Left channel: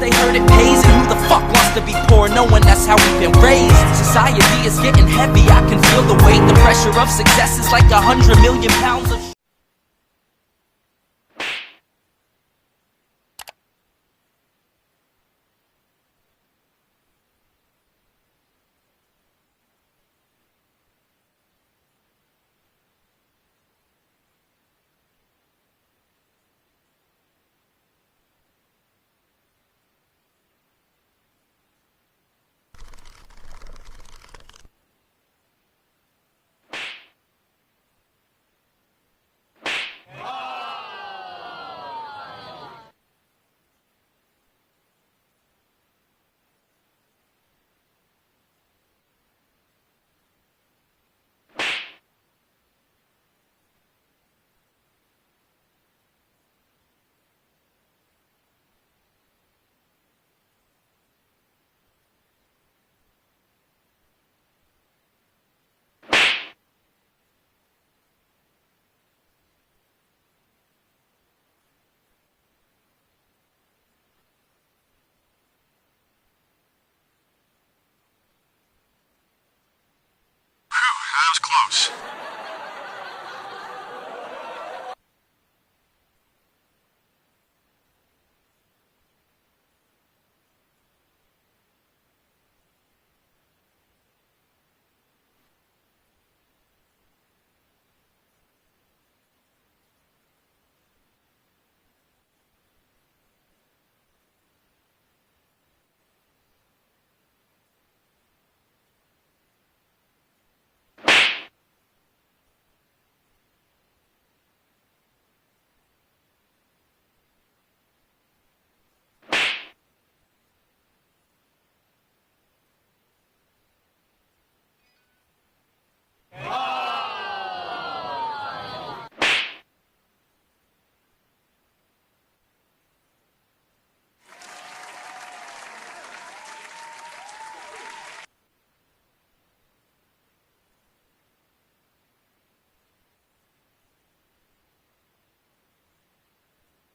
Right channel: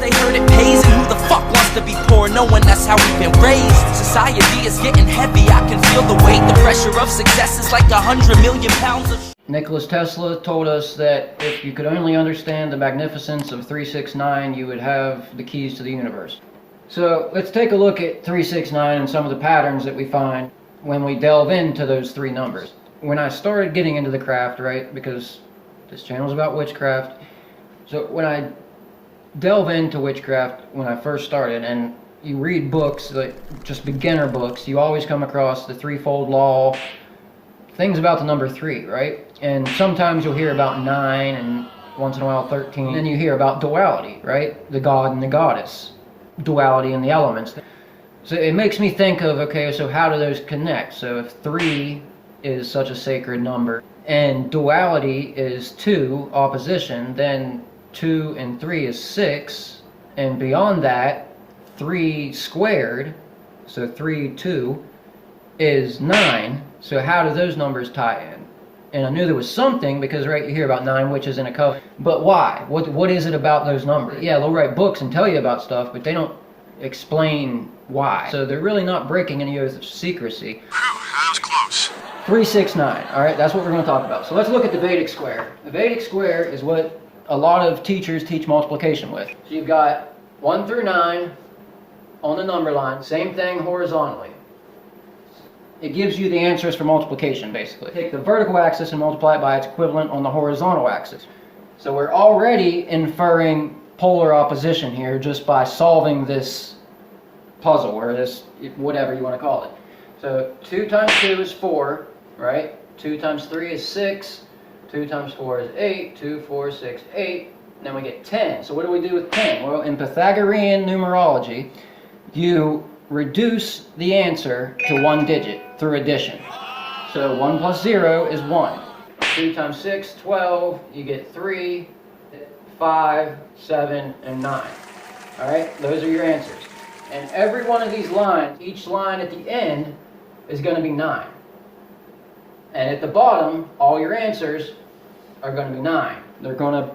they heard it pays, and who the fuck wants to be poor knowing that's how we've been raised? Society is getting heavy, I can feel the weight. The pressure of success is like 100 million pounds of Nikola Tesla told us that if you could only understand the magnificence of 369, you would have the keys to the universe. So let's take a look at 369 and some of the patterns that we find when we delve into those three numbers. When I started getting into the craft, right, because this channel is about witchcraft, so when I delve into witchcraft when I first started, and you read books, like just beginner books, you always come across the threefold law, things about the number 3, right? And sometimes you'll hear about 9, and once in a while 13. Then you hear about duality, right? The god and the goddess. Duality in the elements. So it makes me think of, okay, so how do those connect? So if 3 is such a sacred number, and duality is 2, opposition, then 2 and 3 is 6, and beyond that, 3 squared, so 3, 2, is 9. So how do those numbers tie in? And I knew there was something, because right, you hear about 9 witches in a coven. But why? What is it about those numbers? Yeah, they'll write books and tell you about stuff, but they don't explain why. So they're really not breaking any oath of secrecy. That was close. 369, alright, that's what we're going to talk about. So let's look at the Vedic square. The Vedic square is what a lot of teachers teach multiplication with. So you've got 1 through 9 on the number line, same thing horizontally. It gives you the answers for multiplication, basically. Take the vertical axis and multiply it by its equivalent on the horizontal axis. So we're already inferring polar opposition here just by solving this puzzle, or this, whatever you want to call it. So 2 times 2 is 4, right? 2 times 3 is 6. 2 times 4 is 8. 2, 4, 6, 8. And then we get 10. So what do we do with 10? Well, in Pythagorean numerology, you reduce the answer to 1 digit through addition. So 1 plus 0 is 1. 3 times 6, 12. You get 3, 5, 7, and 9. Alright, those are your answers. And every one of these lines, each line at the end is going to be 9. And at the bottom, all your answers are going to be 9. They're going to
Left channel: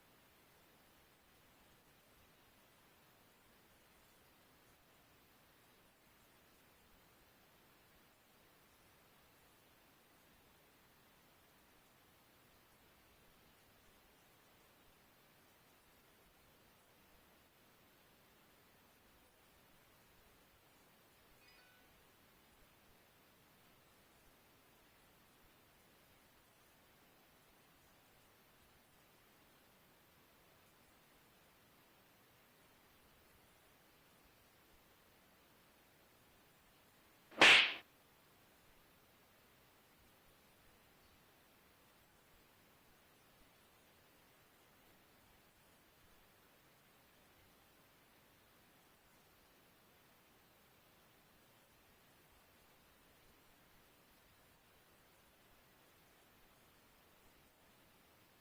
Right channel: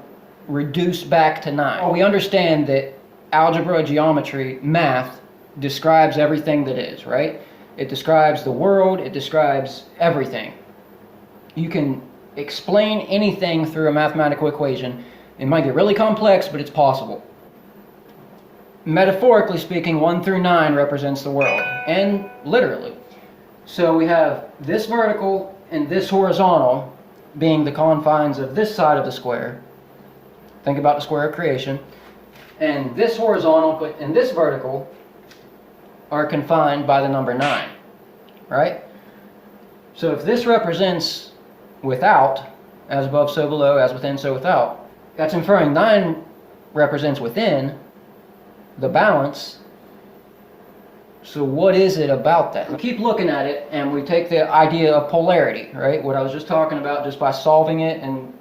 reduce back to 9. We understand that algebra, geometry, math describes everything that is, right? It describes the world, it describes everything. You can explain anything through a mathematical equation. It might get really complex, but it's possible. Metaphorically speaking, 1 through 9 represents the world, and literally. So we have this vertical and this horizontal being the confines of this side of the square. Think about the square of creation. And this horizontal and this vertical are confined by the number 9, right? So if this represents without, as above so below, as within so without, that's inferring 9 represents within, the balance. So what is it about that? We keep looking at it, and we take the idea of polarity, right? What I was just talking about, just by solving it and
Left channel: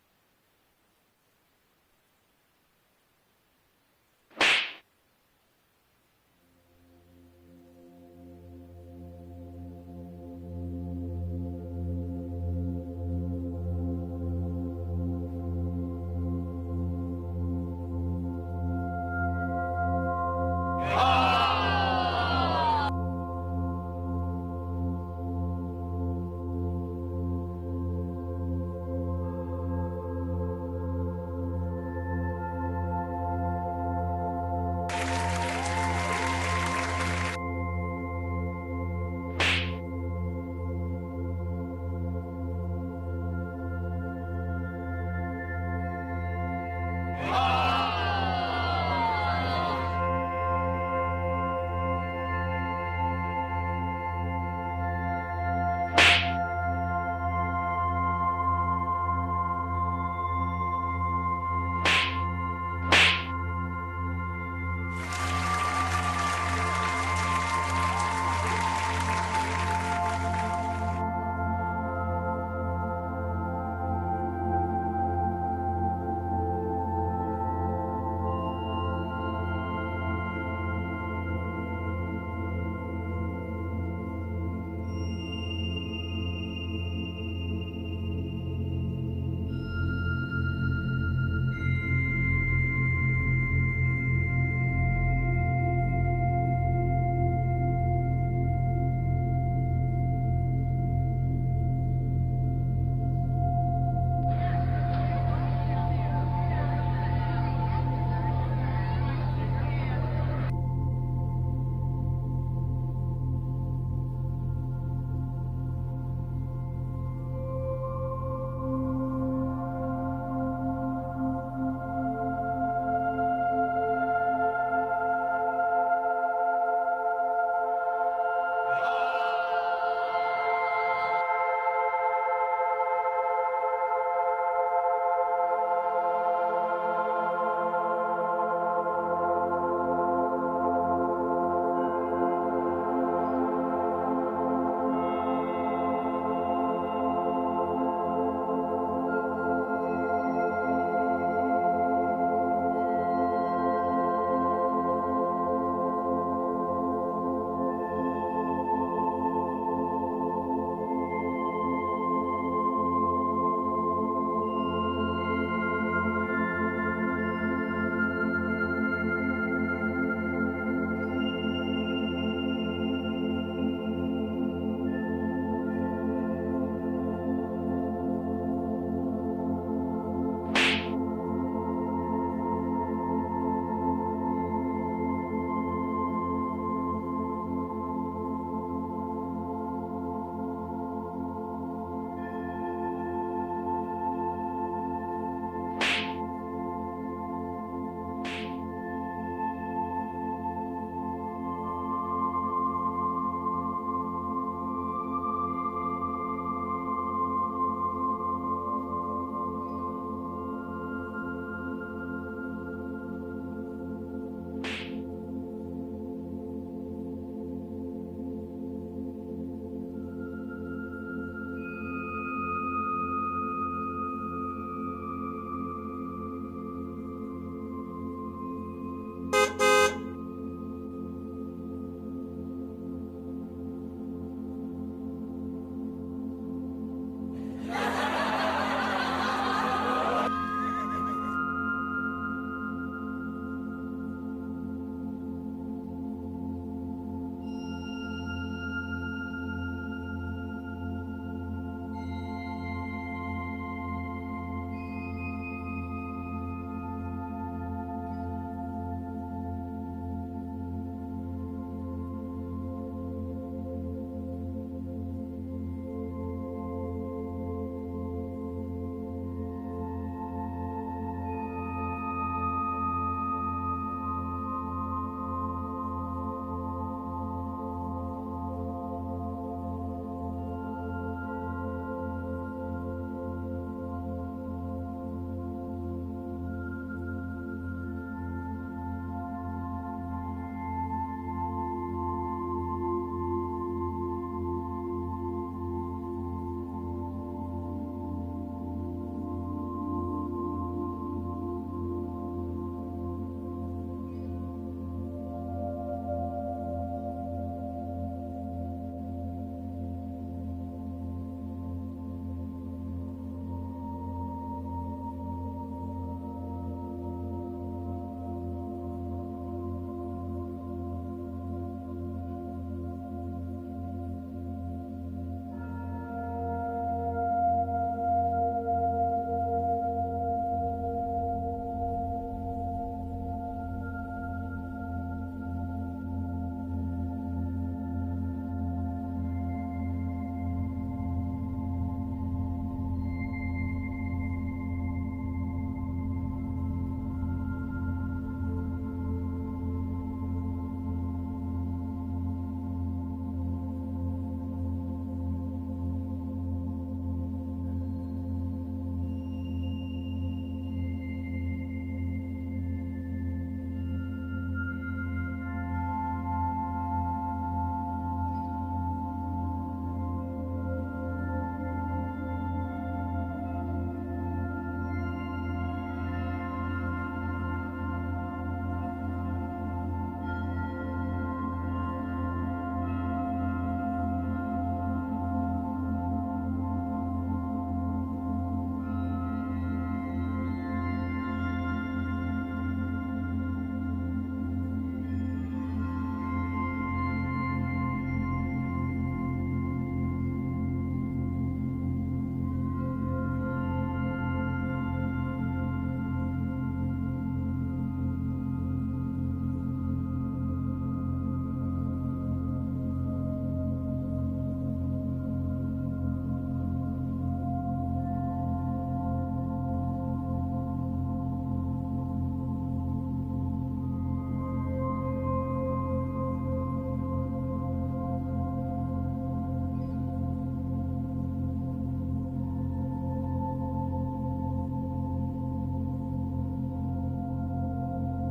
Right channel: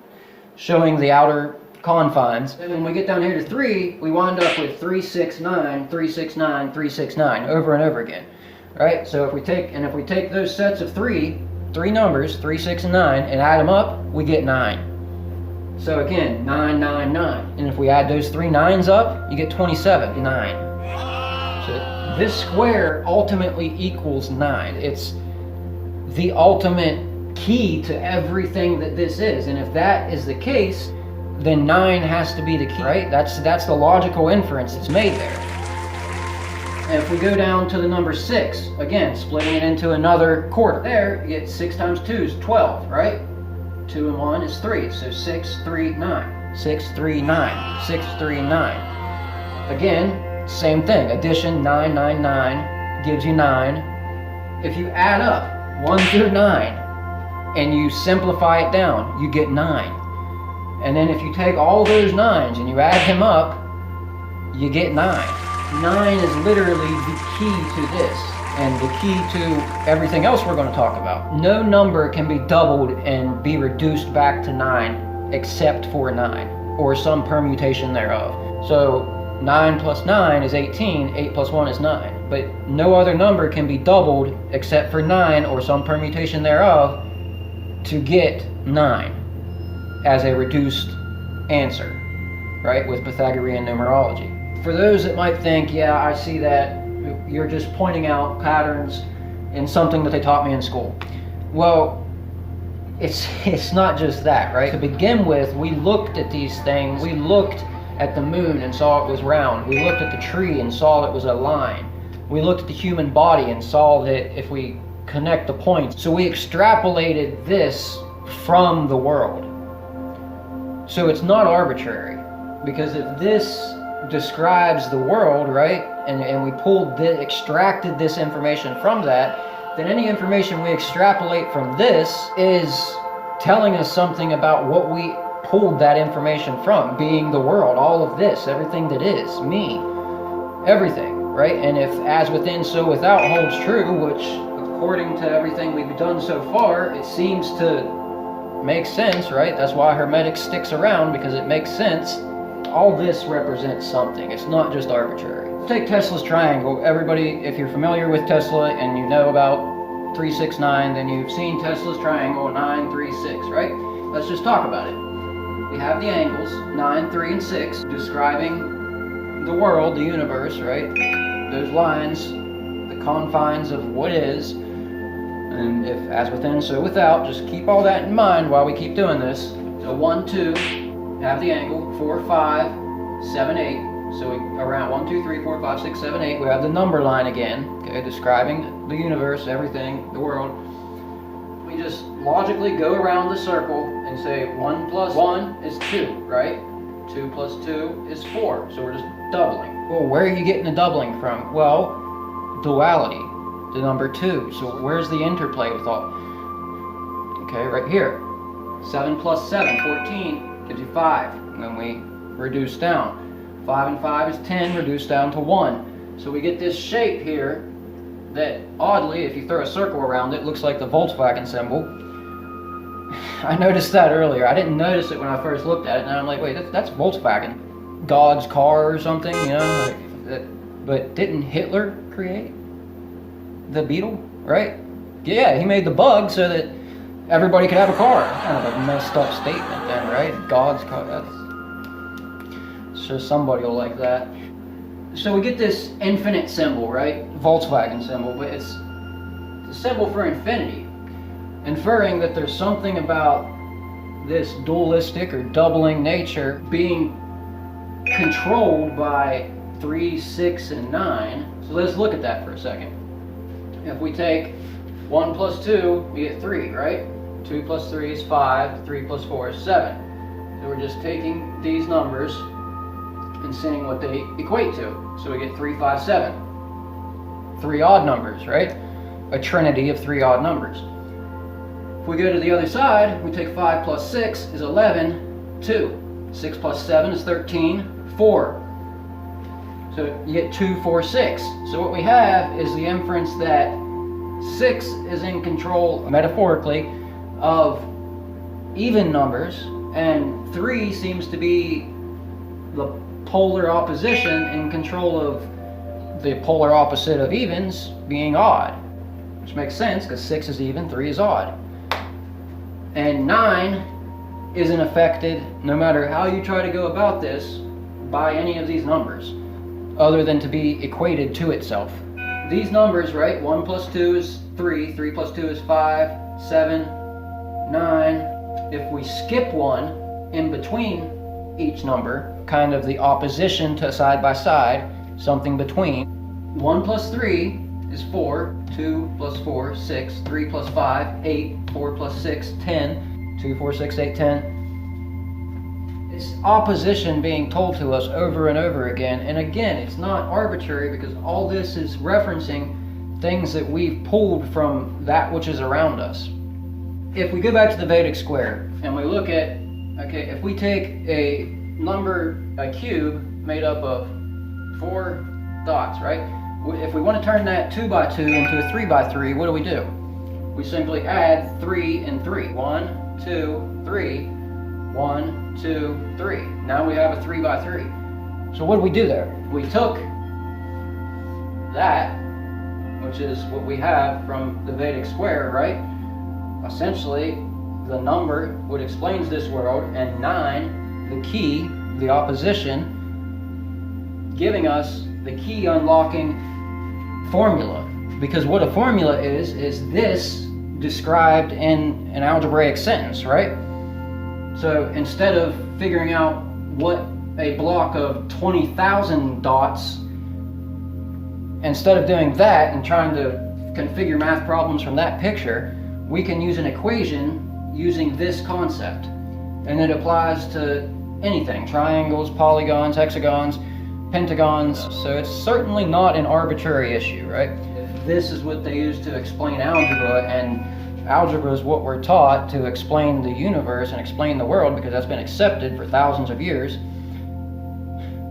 showing the outer confines. And when we get down here to 3, we wind up with 369, 369, 369 over and over again, right? So if we take those sets of three numbers, 3, 6, and 9, and add them up, we get 9. So again, 9, 9, 9. And if we add those 3 9s up, you get 27, 9. So this square ultimately equals 9. It's the ultimate key to everything that this is. And if that is the case, then 9 has to be the key, right? That's the logical inference that's made there. And if we go down to the number 6, again, splitting it into another quarter, there you get 6 times 2 is 12, right? 2 and 1 is 3, so 6, 3, 9. 6, 3, 9. 6, 3, 9. Again, same thing. Addition, 9, 9, 9 gives you 9. If you add up 1 through 9 and you simplify it down, you get 9. And then if you take all those 9s and you add them up, you get 9. 9 is literally the key to this, and the key to everything else we're going to talk about. No number can be doubled and be reduced back to 9 except for 9, or some permutation thereof. So 9 plus 9 is 18, 8 plus 1 is 9. But no other number can be doubled except for 9 or some permutation thereof to get 9 as a reduced answer, right, with Pythagorean numerology. For those that might think, yeah, I see that, you're just pointing out patterns in something that they taught me in school. Well, it's not just that, right? To begin with, we looked at these things. We looked at the moon and saw it was round. We looked at the tree and saw it was a line. We looked at the human body and saw that if we connect the points. So we extrapolated this from the world. So it's not arbitrary, because if this describes the world, right, and we extracted this information from that, then any information we extrapolate from this is telling us something about what we pulled that information from, being the world, all of this, everything that is, me, everything, right? And if as within, so without holds true, which according to everything we've done so far, it seems to make sense, right? That's why Hermetic sticks around, because it makes sense. All this represents something. It's not just arbitrary. Take Tesla's triangle. Everybody, if you're familiar with Tesla and you know about 369, then you've seen Tesla's triangle 9, 3, 6, right? Let's just talk about it. We have the angles 9, 3, and 6 describing the world, the universe, right? Those lines, the confines of what is, and if as within, so without. Just keep all that in mind while we keep doing this. So 1, 2, have the angle, 4, 5, 7, 8. So around 1, 2, 3, 4, 5, 6, 7, 8, we have the number line again, okay, describing the universe, everything, the world. We just logically go around the circle and say 1 plus 1 is 2, right? 2 plus 2 is 4, so we're just doubling. Well, where are you getting the doubling from? Well, duality, the number 2. So where's the interplay with all? Okay, right here. 7 plus 7, 14, gives you 5, and then we reduce down. 5 and 5 is 10, reduced down to 1. So we get this shape here that, oddly, if you throw a circle around it, looks like the Volkswagen symbol. I noticed that earlier. I didn't notice it when I first looked at it, and I'm like, wait, that's Volkswagen. God's car or something, you know? But didn't Hitler create the Beetle, right? Yeah, he made the bug so that everybody could have a car. Kind of a messed up statement then, right? God's car. So somebody will like that. So we get this infinite symbol, right? Volkswagen symbol, but it's a symbol for infinity, inferring that there's something about this dualistic or doubling nature being controlled by 3, 6, and 9. So let's look at that for a second. If we take 1 plus 2, we get 3, right? 2 plus 3 is 5, 3 plus 4 is 7. So we're just taking these numbers and seeing what they equate to. So we get 3, 5, 7. 3 odd numbers, right? A trinity of 3 odd numbers. If we go to the other side, we take 5 plus 6 is 11, 2. 6 plus 7 is 13, 4. So you get 2, 4, 6. So what we have is the inference that 6 is in control, metaphorically, of even numbers, and 3 seems to be the polar opposition in control of the polar opposite of evens being odd, which makes sense because 6 is even, 3 is odd. And 9 isn't affected, no matter how you try to go about this, by any of these numbers, other than to be equated to itself. These numbers, right, 1 plus 2 is 3, 3 plus 2 is 5, 7, 9. If we skip 1 in between each number, kind of the opposition to side by side, something between. 1 plus 3 is 4, 2 plus 4, 6, 3 plus 5, 8, 4 plus 6, 10, 2, 4, 6, 8, 10. It's opposition being told to us over and over again, and again, it's not arbitrary because all this is referencing things that we've pulled from that which is around us. If we go back to the Vedic square and we look at, okay, if we take a number, a cube made up of 4 dots, right? If we want to turn that 2 by 2 into a 3 by 3, what do? We simply add 3 and 3. 1, 2, 3. 1, 2, 3. Now we have a 3 by 3. So what do we do there? We took that, which is what we have from the Vedic square, right? Essentially, the number what explains this world, and 9, the key, the opposition, giving us the key unlocking formula. Because what a formula is this described in an algebraic sentence, right? So instead of figuring out what a block of 20,000 dots, instead of doing that and trying to configure math problems from that picture, we can use an equation using this concept. And it applies to anything: triangles, polygons, hexagons, pentagons. So it's certainly not an arbitrary issue, right? If this is what they use to explain algebra, and algebra is what we're taught to explain the universe and explain the world, because that's been accepted for thousands of years.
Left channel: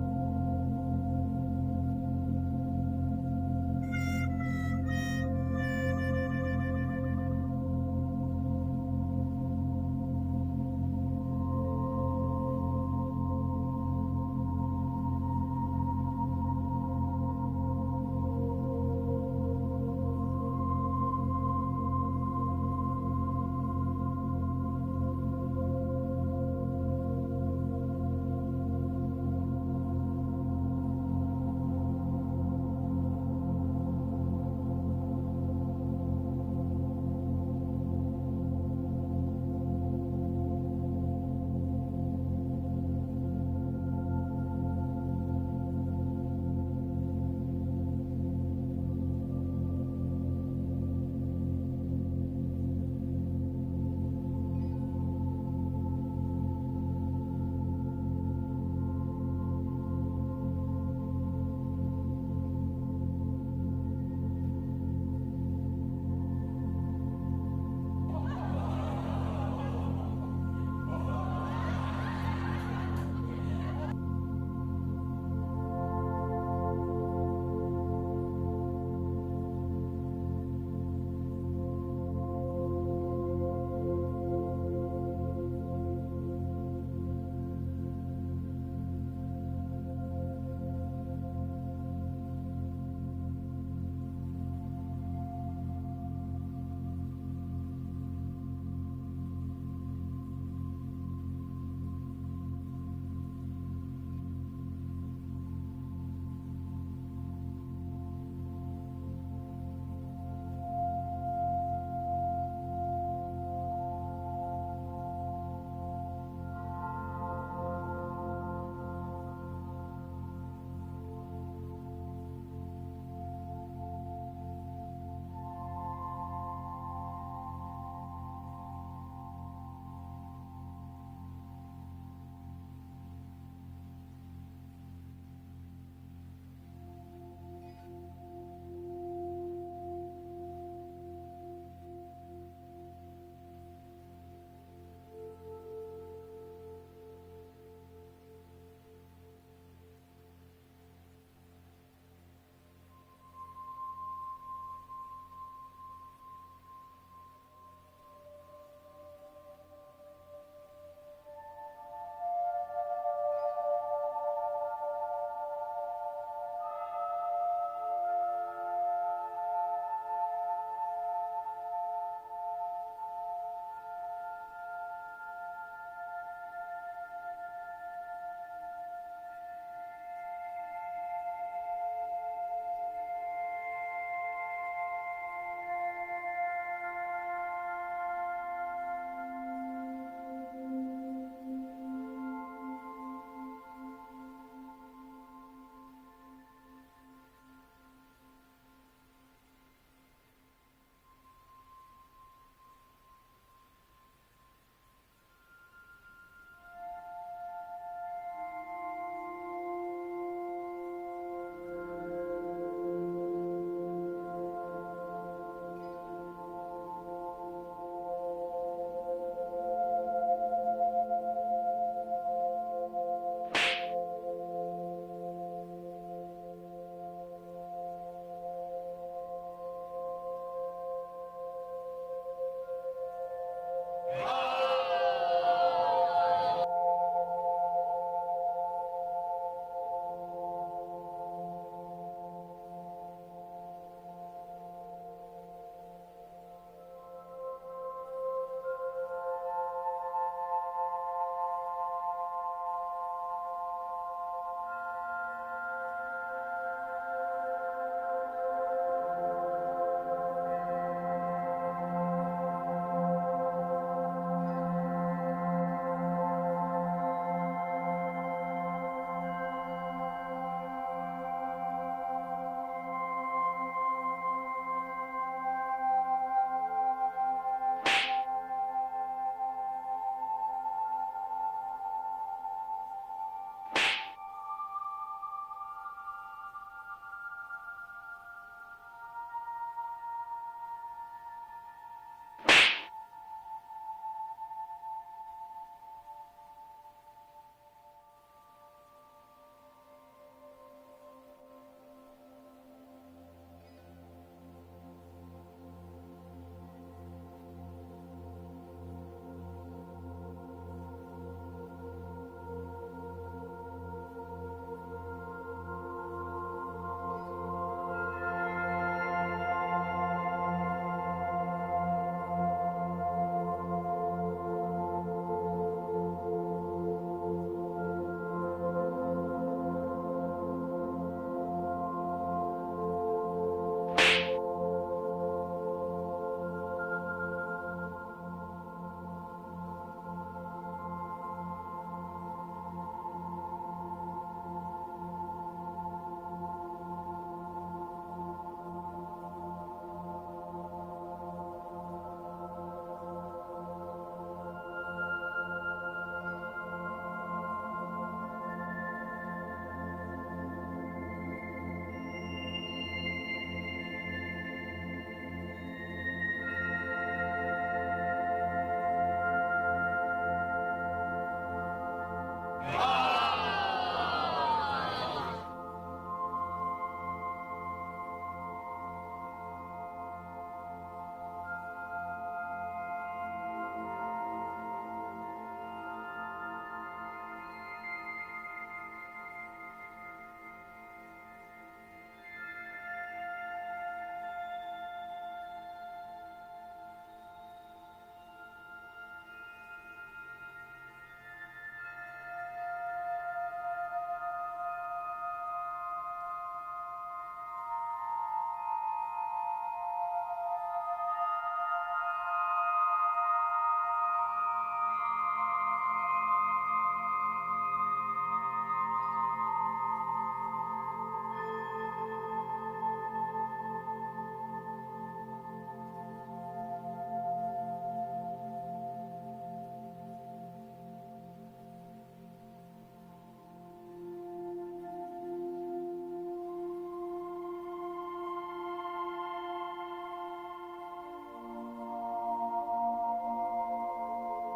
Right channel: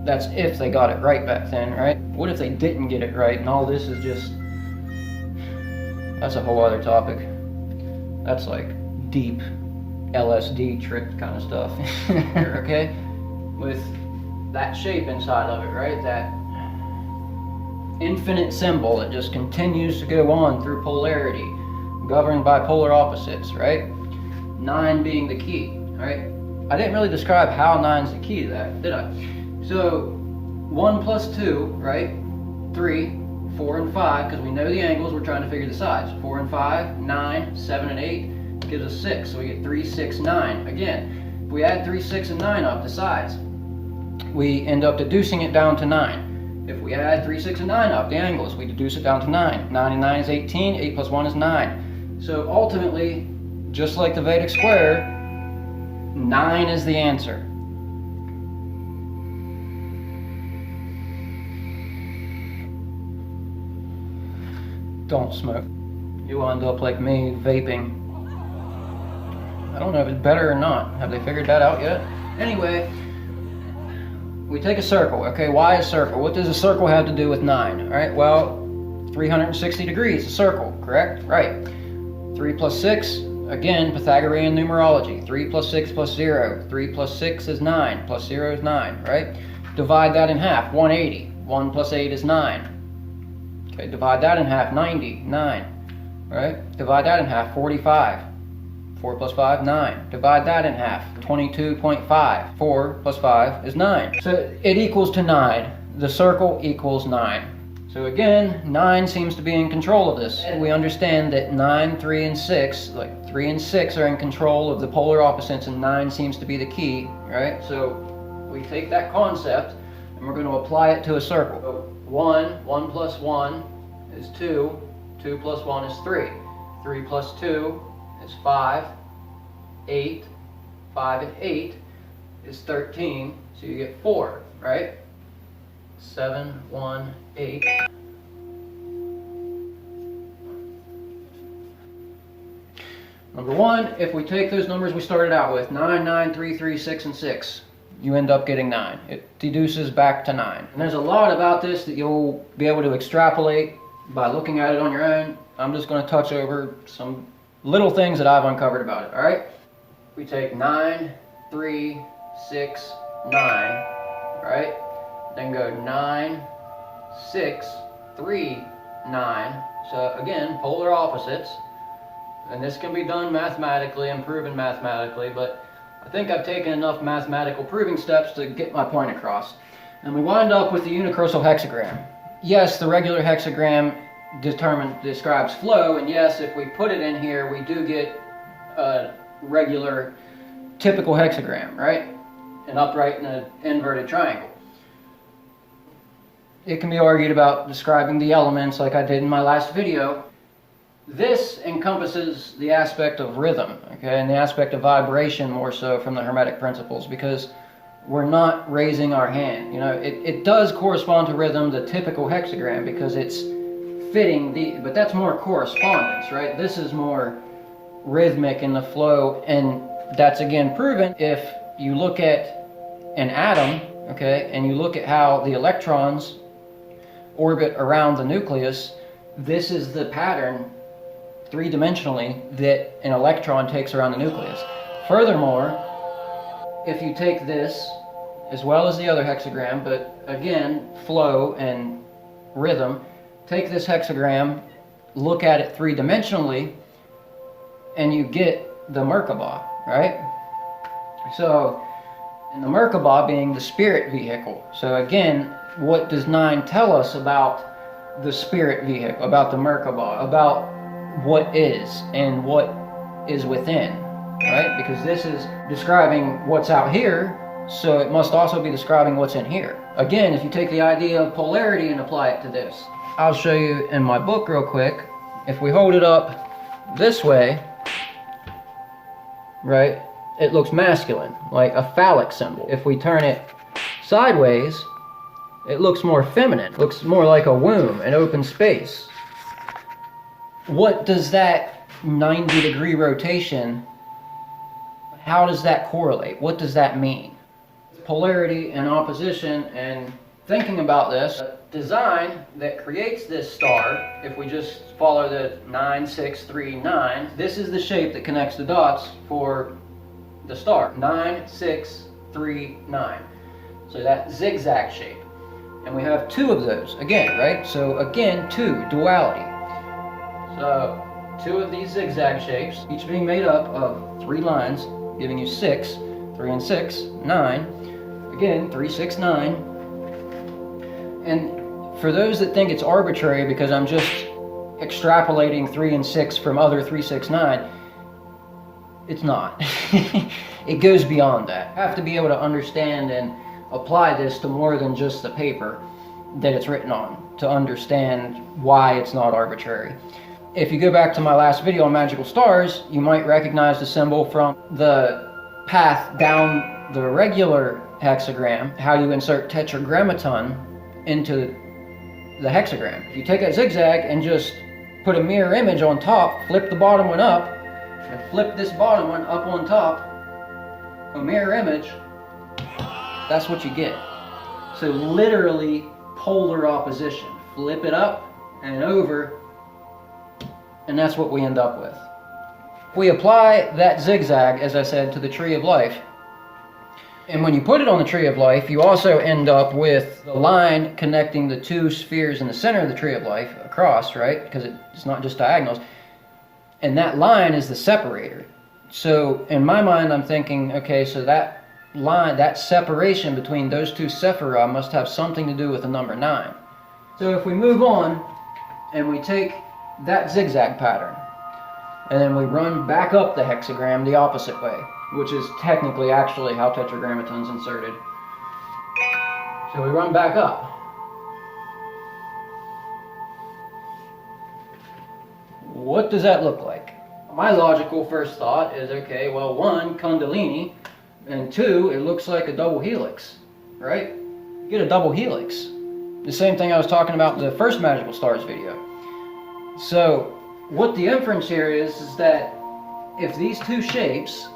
That's if they got it right back then, right? What if they didn't get it right and all this is just... That's a whole other topic. That's like deep LSD trip kind of stuff. Okay? With that shape inside of it, right? That infinite symbol that just continues to go on through polarity, governed by polar opposites, right? 9 being the key, right? I didn't really describe how 9's the key to that, did I? So 1 plus 2, right? 3, 4, and 5, because we know the angles, we're trying to figure the sides. 4 and 5, 9, 7 and 8 gives us 6, so we get 3, 6, 9. Again, if we add 3, 6, and 9 up the sides, we end up deducing it down to 9. If we add 3, 6, and 9 up the angles, we deduce it down to 9. 9 and 9 is 18, 8 plus 1 is 9. So ultimately, just like the Vedic square, 9 is the answer. Don't smoke. You'll end up like me, vaping. I don't know if it's better or not. Have they figured that out yet? Anyway, we take a circle. Okay, why a circle? What does a circle have to do with 9? All right, well, 360 degrees, a circle, correct? Right. 3 plus 6, again, Pythagorean numerology. 3 plus 6 plus 0. 3 plus 6 is 9, plus 0 is 9, right? Divide that in half, 180. 1 plus 8 is 9. Okay, divide that in half, 90, 9, right? Divide that in half, 45. 4 plus 5, 9. Divide that in half, 22.5. 4 plus 5 is 9. So it equals to 9. The circle equals 9. So again, 9 seems to be in control of this. And we understand that 9, 3, and 6, like 3 and 6 are in control of the polar opposites, and 9 seems to be the key, right? So we take that concept and we're going to apply it to a circle. So 1 plus 1 is 2. 2 plus 1 is 3. 3 plus 2 is 5. 8. 5 and 8 is 13. So you get 4, right? 7, 1, 8. Number 1, if we take those numbers we started out with, 9, 9, 3, 3, 6, and 6, you end up getting 9. It deduces back to 9. And there's a lot about this that you'll be able to extrapolate by looking at it on your own. I'm just going to touch over some little things that I've uncovered about it, alright? We take 9, 3, 6, 9, right? Then go 9, 6, 3, 9. So again, polar opposites. And this can be done mathematically and proven mathematically, but I think I've taken enough mathematical proving steps to get my point across. And we wind up with the unicursal hexagram. Yes, the regular hexagram describes flow, and yes, if we put it in here, we do get a regular, typical hexagram, right? An upright and an inverted triangle. It can be argued about describing the elements like I did in my last video. This encompasses the aspect of rhythm, okay, and the aspect of vibration more so from the Hermetic principles, because we're not raising our hand. You know, it does correspond to rhythm, the typical hexagram, because it's fitting but that's more correspondence, right? This is more rhythmic in the flow, and that's again proven if you look at an atom, okay, and you look at how the electrons orbit around the nucleus. This is the pattern, three-dimensionally, that an electron takes around the nucleus. Furthermore, if you take this, as well as the other hexagram, but again, flow and rhythm, take this hexagram, look at it three-dimensionally, and you get the Merkaba, right? So, and the Merkaba being the spirit vehicle. So again, what does 9 tell us about the spirit vehicle, about the Merkaba, about what is and what is within, right? Because this is describing what's out here, so it must also be describing what's in here. Again, if you take the idea of polarity and apply it to this, I'll show you in my book real quick. If we hold it up this way, right, it looks masculine, like a phallic symbol. If we turn it sideways, it looks more feminine, looks more like a womb, an open space. What does that 90-degree rotation, how does that correlate? What does that mean? Polarity and opposition, and thinking about this, design that creates this star, if we just follow the 9, 6, 3, 9, this is the shape that connects the dots for the star. 9, 6, 3, 9. So that zigzag shape. And we have 2 of those, again, right? So again, 2, duality. So 2 of these zigzag shapes, each being made up of 3 lines, giving you 6, 3 and 6, 9. Again, 3, 6, 9. And for those that think it's arbitrary because I'm just extrapolating 3 and 6 from other 3, 6, 9, it's not. It goes beyond that. You have to be able to understand and apply this to more than just the paper that it's written on to understand why it's not arbitrary. If you go back to my last video on magical stars, you might recognize the symbol from the path down the regular hexagram, how you insert tetragrammaton into the hexagram. If you take that zigzag and just put a mirror image on top, flip the bottom one up, and flip this bottom one up on top, a mirror image, that's what you get. So literally polar opposition. Flip it up and over, and that's what we end up with. We apply that zigzag, as I said, to the tree of life. And when you put it on the tree of life, you also end up with the line connecting the 2 spheres in the center of the tree of life across, right? Because it's not just diagonals. And that line is the separator. So in my mind, I'm thinking, okay, so that line, that separation between those 2 sephira must have something to do with the number 9. So if we move on and we take that zigzag pattern and then we run back up the hexagram the opposite way, which is technically actually how tetragrammaton's inserted. So we run back up. What does that look like? My logical first thought is, okay, well, 1, Kundalini, and 2, it looks like a double helix, right? You get a double helix. The same thing I was talking about in the first Magical Stars video. So, what the inference here is that if these 2 shapes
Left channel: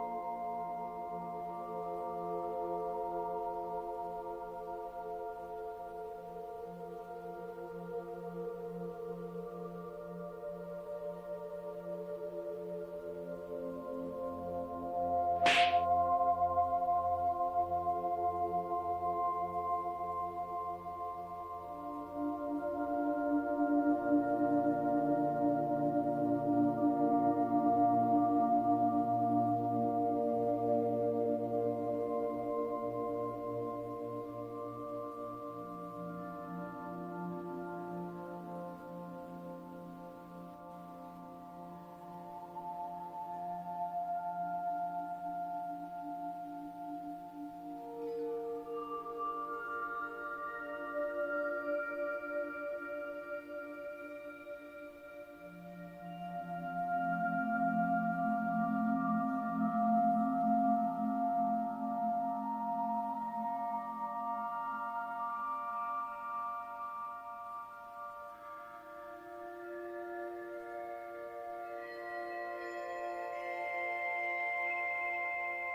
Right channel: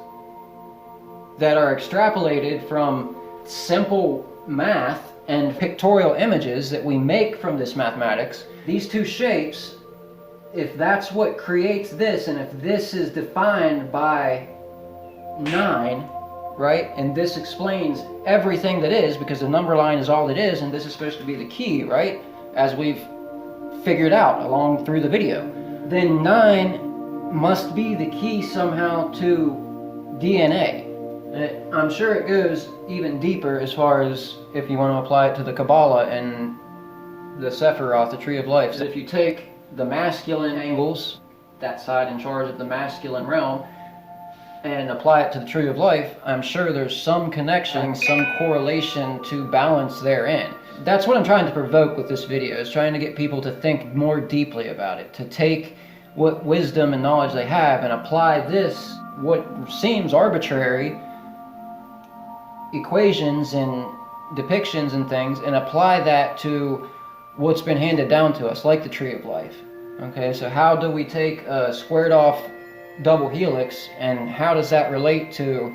that are extrapolated from simple math and pictorial images that we make from this mathematics, these 2 shapes, if that's what creates this, and if this is defined by 9, right, and this explains everything that is, because the number line is all it is, and this is supposed to be the key, right, as we've figured out along through the video, then 9 must be the key somehow to DNA. I'm sure it goes even deeper as far as if you want to apply it to the Kabbalah and the Sephiroth, the Tree of Life. So if you take the masculine angles, that side in charge of the masculine realm, and apply it to the Tree of Life, I'm sure there's some connection, some correlation to balance therein. That's what I'm trying to provoke with this video, is trying to get people to think more deeply about it, to take what wisdom and knowledge they have and apply this, what seems arbitrary, equations and depictions and things, and apply that to what's been handed down to us, like the Tree of Life. Okay, so how do we take a squared off double helix, and how does that relate to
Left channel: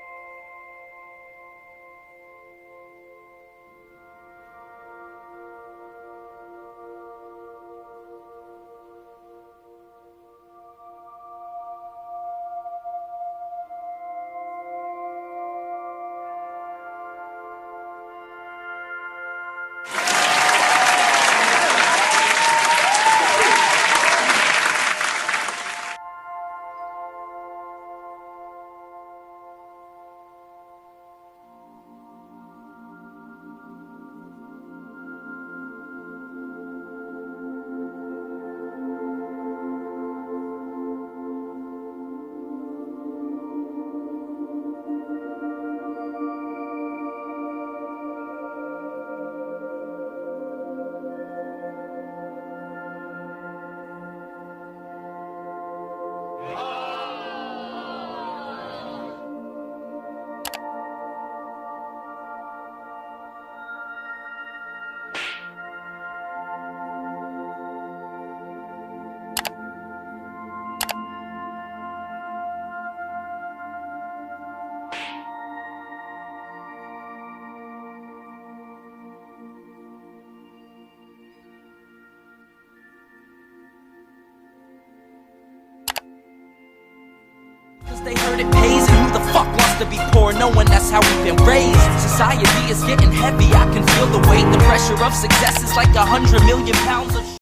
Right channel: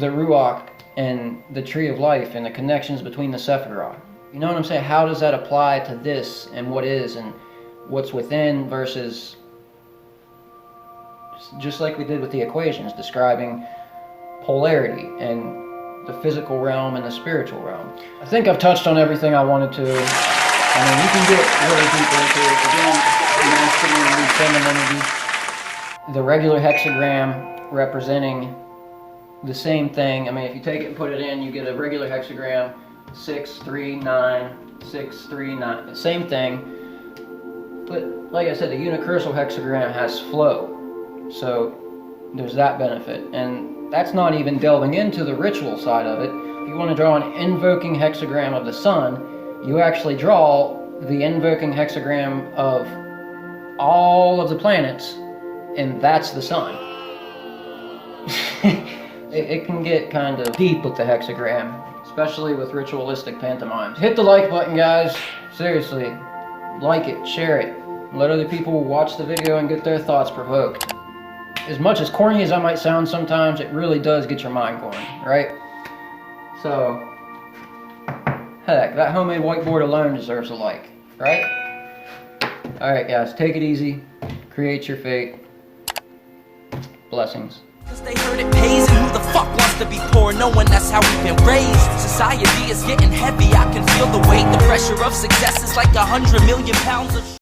the Ruach and the Tree of Life and the connections between the Sephiroth? You know what I'm saying? How does that apply to this and what is and what's within versus, just like we did with the equations, describing polarity and the physical realm and the spiritual realm. I think I've touched on everything I wanted to. I mean, you can get really deep. The regular hexagram representing the same thing. I mean, if you take it and put it in, you get a regular hexagram 639, 639. Same thing. But like I said, the unicursal hexagram has flow. So there's that benefit. And that's not even delving into the ritual side of it. If you want to draw an invoking hexagram of the sun, you actually draw the invoking hexagram of all of the planets, and that's the sun. It can get kind of deep with the hexagram, especially with ritualistic pantomimes. Hit the like button, guys. Seriously. Like it, share it. Let other people watch the video and get their thoughts provoked. As much as corny as I might sound sometimes, it really does get your mind going, right? So, heck, that homemade whiteboard alone deserves a like, right? Alright guys, take it easy. Create your fate. Blessings. Cause they heard it pays, and who the fuck wants to be poor knowing that's how we've been raised? Society is getting heavy, I can feel the weight. The pressure of success is like 100 million pounds of